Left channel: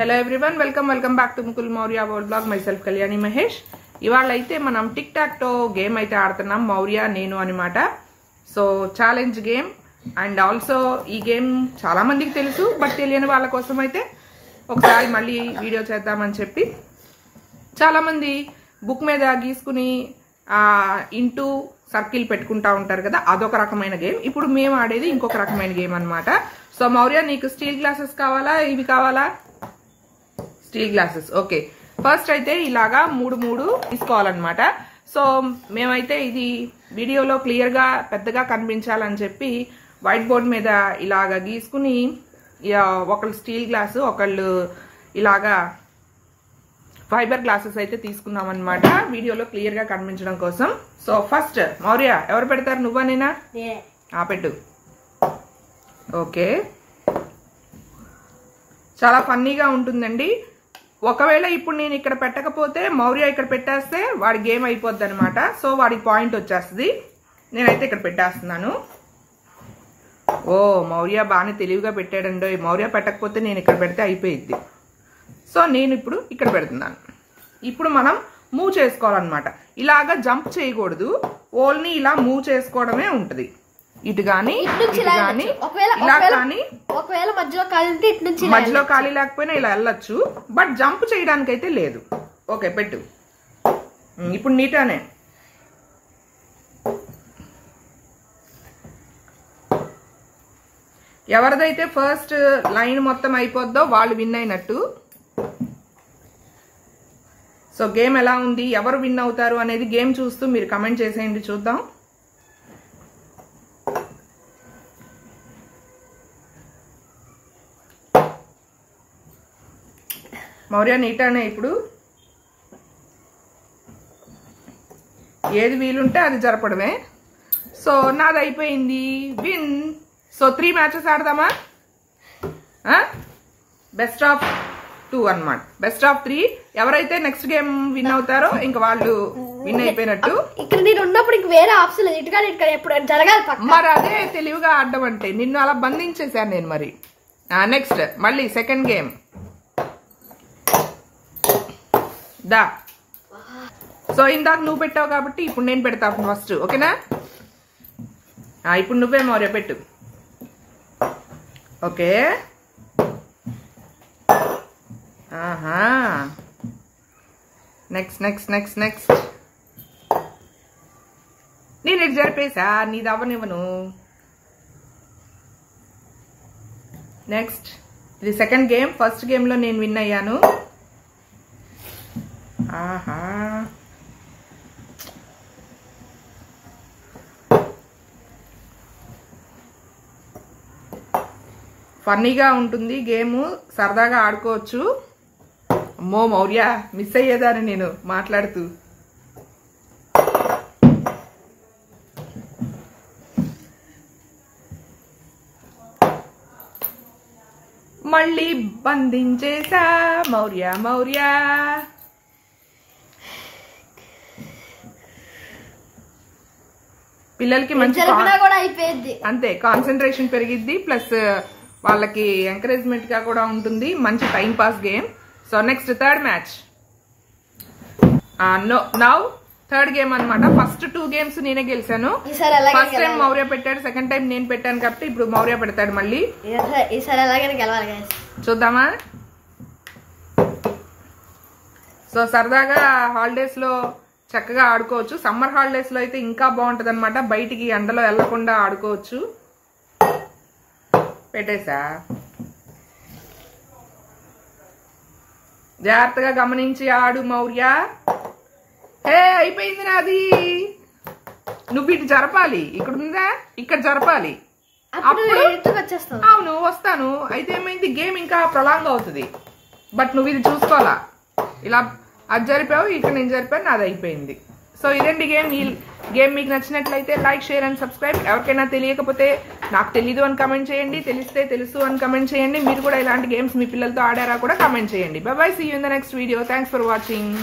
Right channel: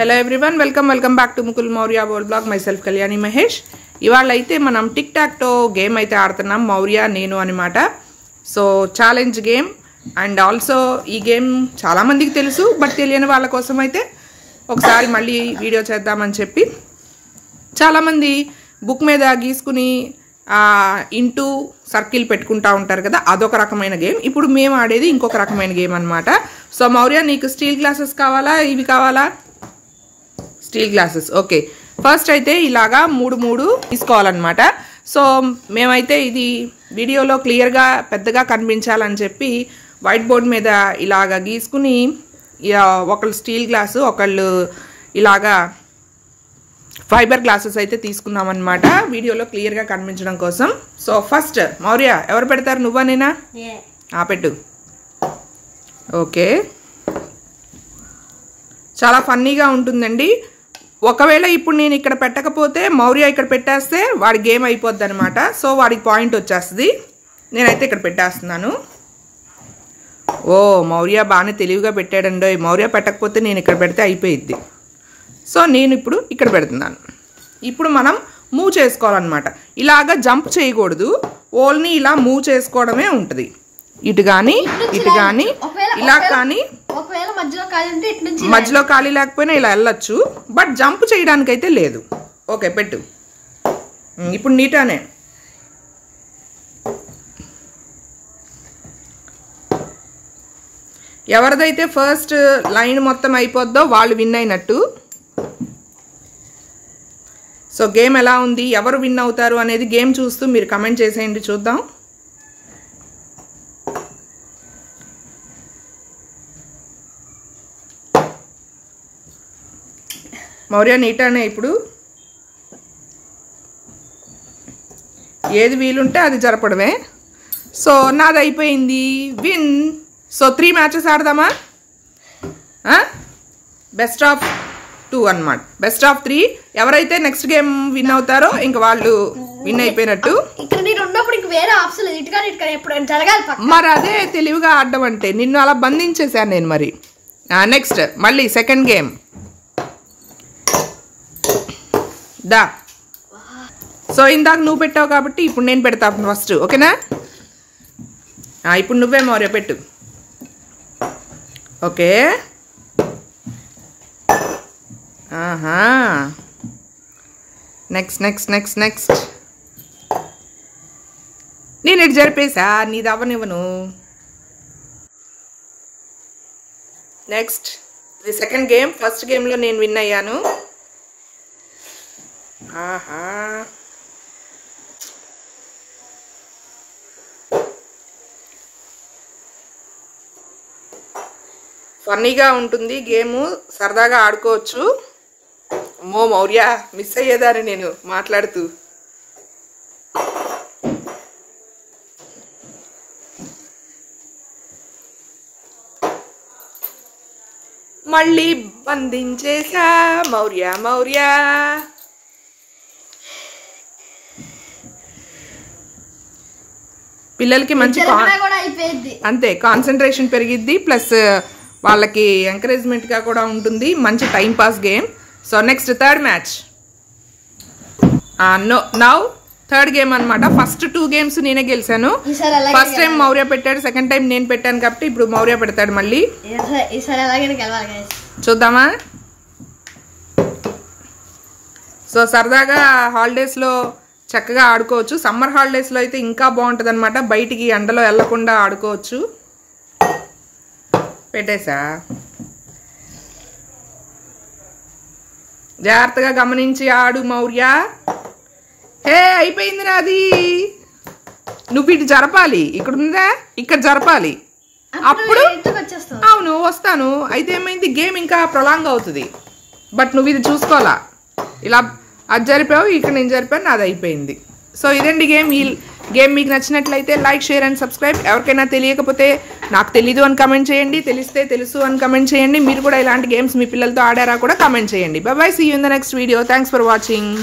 Hello everyone welcome back to Mukul Maurya world blog my self Kalyani Mahesh. ఇవాళ అయితే మనం టిక్ టాక్ టో గేమ్ అయితే ఆడుతున్నాం, మౌర్య నేను అనమాట. So challenge game and also ఈ గేమ్ చాలామందికి తెలుసు, బట్ తెలియని వాళ్ళ కోసం అయితే ఒకసారి మళ్ళీ వీడియో చేద్దామని చెప్పి చాలామంది బుక్ మీద గీసుకుని ఇంటూ సర్కిల్ పెట్టుకుంటూ ఉంటారు కదా, అదొక రకమైన గేమ్. ఇప్పుడు మేము ఆడేది ఇంకొక రకమైన గేమ్ అనమాట. సో మౌర్య, నీకు స్టీల్ గ్లాసెస్ కావాలా, ఇవి కావాలా? Steel glasses. ఓకే, ఫస్ట్ అయితే ఇలాగా మూడు తీసుకోవాలన్నమాట. సో మేమైతే ఇది వీడియోలో క్లియర్గా పెద్దగా కనిపించాలని చెప్పి వైట్ బోర్డ్ మీద ఇలాగా గీసుకుని ఒకళ్ళు స్టీల్ గ్లాసు, ఒకళ్ళు ఇలాగా ఫైబర్ గ్లాసెస్ అయితే తీసుకున్నాం అనమాట, వీడియోలో క్లియర్గా కనిపించడం కోసం. సో ఫస్ట్ మౌర్య ఎవరు పెడతారు, నువ్వా నేనా? పెట్టు. ఓకే, చాలా ఫన్నీగా ఉంటుందండి. ఒకవేళ ఇప్పుడు నేను ఇక్కడ పెట్టకపోతే మౌర్య ఇక్కడ పెట్టేస్తే వాడి గేమ్ అయిపోద్ది అనమాట. సో వాడికి పాయింట్ వచ్చేస్తుంది. నేనైతే ఇక్కడ పెట్టేస్తున్నాను. ఓ మౌర్య బాగానే తెలివిగా పెట్టాడండో. మౌర్య పెట్టకపోతే నేను ఇక్కడ పెడితే అయిపోయిద్ది. సో నేను ఇప్పుడు ఇక్కడ పెడుతున్నాను. ఇప్పుడు మనం మూవ్ చేసుకోవాలన్నమాట. ఇలాగా జంప్ చేయకూడదు, ఓన్లీ ఇలా మూవ్ చేసుకోవడమే ఉంటుంది. ఇటు కానీ ఇటు కానీ ఇలా కానీ, మధ్యలో ఖాళీ లేకపోయినా ఇలా వెళ్ళొచ్చు, బట్ జంప్ చేయడానికి అయితే లేదు. ఓకే పెట్టు. ఇప్పుడు నీటానే. ఎవరిదైతే ఫస్ట్ లైన్ మొత్తం అయిపోద్దో వాళ్ళు విన్ అయినట్టు. సో గేమ్ ఎలా ఉంది, ఎవరు విన్ అవుతారు అనేది గేమ్ చూస్తూ మీరు కమెంట్ చేసేయండి, చూద్దాం. మౌర్య నీటానే. ఇప్పుడు ఏది వీలుంటే అది జరపడమే. సో నాది అయిపోయింది, విన్. సో 3 మ్యాచెస్ ఆడదామా? బెస్ట్ ఆఫ్ 2 అన్నమాట. Best of 3. ఎవరైతే నెక్స్ట్ గేమ్ విన్ అవుతారో ఇంక వాళ్ళు విన్ అయిపోయినట్టు. మరి అదే తెలివిగా ఆడడం అంటే, నిన్ను అలా బంధించేశాను నేను. మరి నెక్స్ట్ మళ్ళీ సెకండ్ గేమ్ దా. సో ఇందాక నువ్వు పెట్టావు కాబట్టి ఇప్పుడు నేను పెడతాను ఫస్ట్, ఓకేనా? ఇప్పుడు నువ్వే మౌర్య పెట్టు. ఓకే, ఆహా, నెక్స్ట్ నెక్స్ట్ నెక్స్ట్ నెక్స్ట్. నేను ఇటు జరిపేసా, నీది అవ్వనివ్వను. నెక్స్ట్, ఇది సెకండ్ గేమ్. ఫస్ట్ గేమ్లో నేను విన్ అయ్యాను. ఆహా, ఫన్నీగా ఉంటుంది గేము, సరదాగా ఆడుకోవచ్చు. అమ్మో మౌర్య, మిస్ అయ్యేదాన్ని నేను మాట్లాడుతూ. మళ్ళీ బంధించేసా మౌర్య మౌర్య. పిల్లలకి మంచి అంతే కాన్సన్ట్రేషన్ పెరిగిద్ది, ప్లస్ వాళ్ళకి ఎంకరేజ్మెంట్గా కూడా ఉంటుంది. మంచి time pass game. So next third match. Now third game అనమాట. ఫస్ట్ 2 గేమ్స్ నేనే గెలిచాను. ఫస్ట్ టైం మౌర్య పెట్టాడు, సెకండ్ టైం నేను పెట్టాను కాబట్టి ఇప్పుడు మౌర్య పెడతాడు మళ్ళీ. చూద్దామా? సో సరదాగా హాలిడేస్లో చక్కగా ఆడుకోవచ్చు. సమ్మర్ హాలిడేస్లో అయితే ఇంకా బాగుంటుంది అనమాట. బయటికి ఎండలో వెళ్లకుండా ఆడుకోవచ్చు. పెట్టేసా, జాగ్రత్తగా గమనించి ఆడు మౌర్య. హే అయిపోయింది నాది. నువ్వు ఇటు జరపాలి, ఇక్కడ ఉందా, ఇక్కడ జరపాలి. అప్పుడు అవును వస్తాను. అయితే ఏమైంది, గేమ్ ఇంకా ప్రొలాంగ్ అవుతుంది. బట్ నువ్వు ఇది చూసుకోవాలా. ఇలా అది జరిపావు, ఇక్కడ నేను జరిపాను, నాది అయిపోయింది. సో ఇదండి గేమ్. ఈ గేమ్ మీకు నచ్చినట్లయితే లైక్, షేర్ అండ్ సబ్స్క్రైబ్. ఎవరికైనా తెలియకపోతే నాకు తెలీదు అని కమెంట్ చేయండి, తెలిస్తే తెలుసు అని కమెంట్ చేయండి. మీరు కూడా ఇలాంటి గేమ్స్ మీ పిల్లలతో ఆడారా కూడా కమెంట్ చేయండి. Bye bye, see you in the next video. Thanks for watching.